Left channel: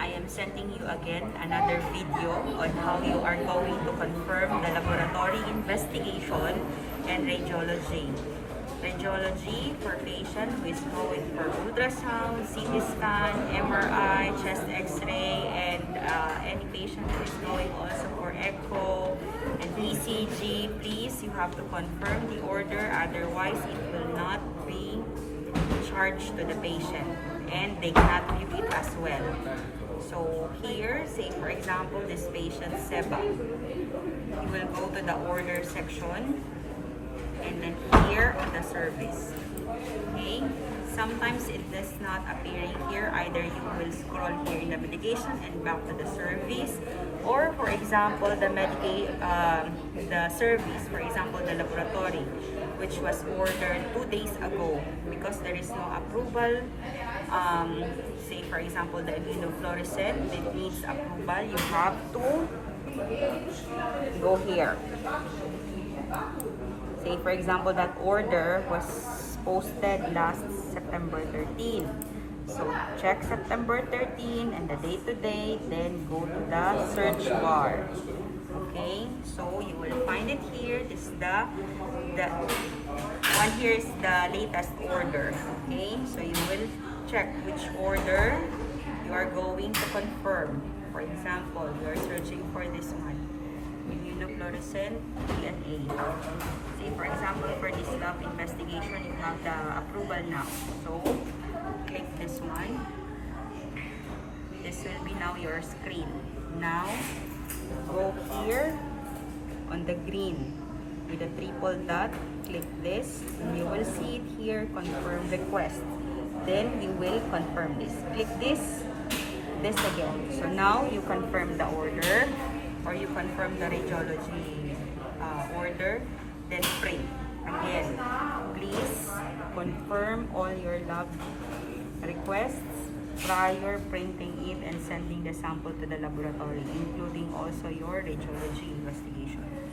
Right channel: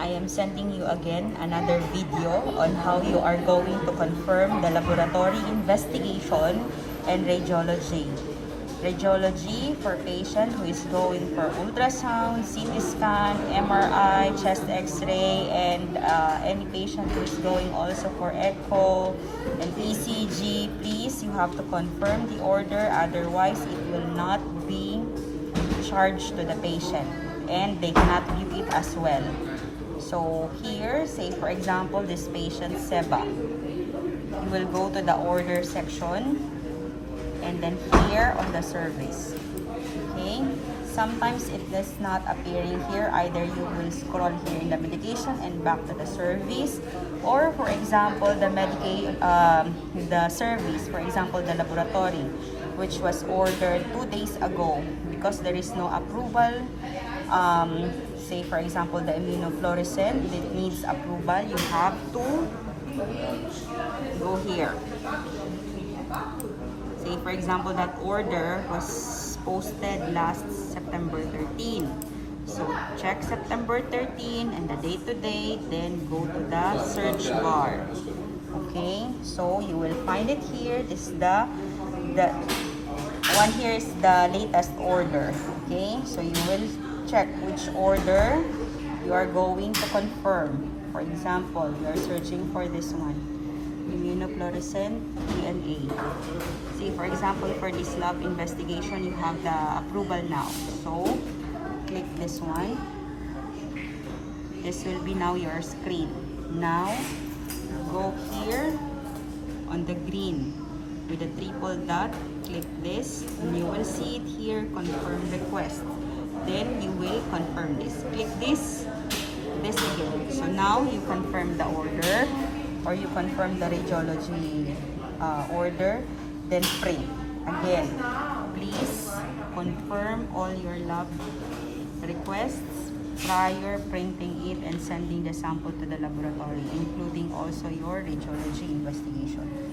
I am sending you again another video on how you are going to confirm the laboratory investigation and radiology. Radiology for patient who is going for ultrasound, CT scan, MRI, chest x-ray, and any patient who is going also for echo and ECG. Please, you have to confirm the order, otherwise it will not be charged to the patient and they cannot view it as well. So here, say for example, this patient Seba, you will go to the order section and then here on the service. Okay, sometimes it does not appearing here. Either you will scroll here in the medication and back to the service, or for example the service, for example the laboratory, which was ordered 2 days ago, because there is no approval. Say for example the immunofluorescent, it needs approval, you have to go here. Say for example that order was posted last September 13. So check September 13 and the date to date, then go to the search bar. Okay, so you will find it here. This is the one here is the latest order. Okay, so you will check which order you are going to confirm. For example, you are searching for this one, immunofluorescent DNA. See, for example, for this lab investigation, you have the approval now. So, click this one. This will be now your screen. Now, go here on the green with the triple dot. Click this, and you will see it here, confirm request. Then, you will confirm this. Click this again. So, now, you confirm the order, or you confirm the radiology order, then print. Again, please confirm all your lab requests prior printing it and sending the sample to the laboratory, including also your radiology investigation.